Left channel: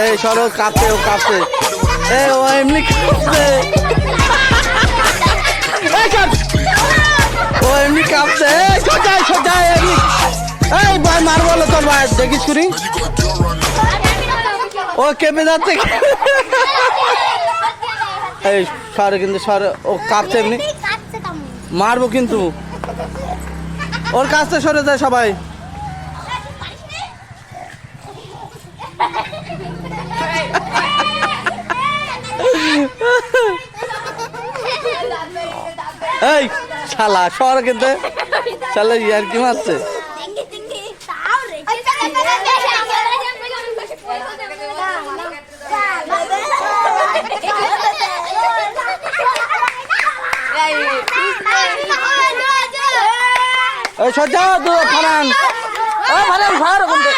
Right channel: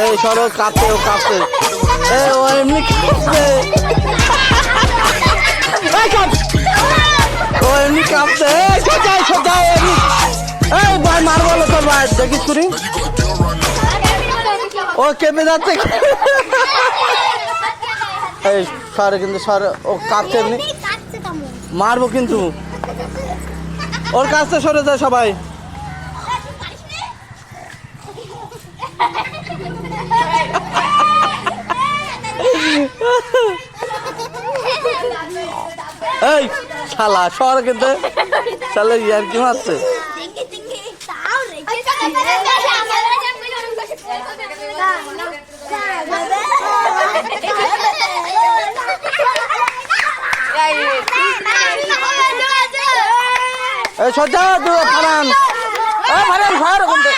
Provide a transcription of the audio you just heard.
এই সরো কাঁপছে ও কাঁপছে ও এমনি কাঁপছে ও এমনি কাঁপছে সোজাই সোজাই এমনি ওই ভাই মারবো তোর ভাই দেখিস তুই ও কেঁপে যাচ্ছে এই সরে কিন্তু সরে ও কাঁপছে এমনি মারবো কিন্তু ওর কাছে সরে যায় সবাই এই শালা সর কিন্তু শালা ইয়ার কি মারছে এই সজ্জা দু ফারান ও ফারান ঘর কোনতে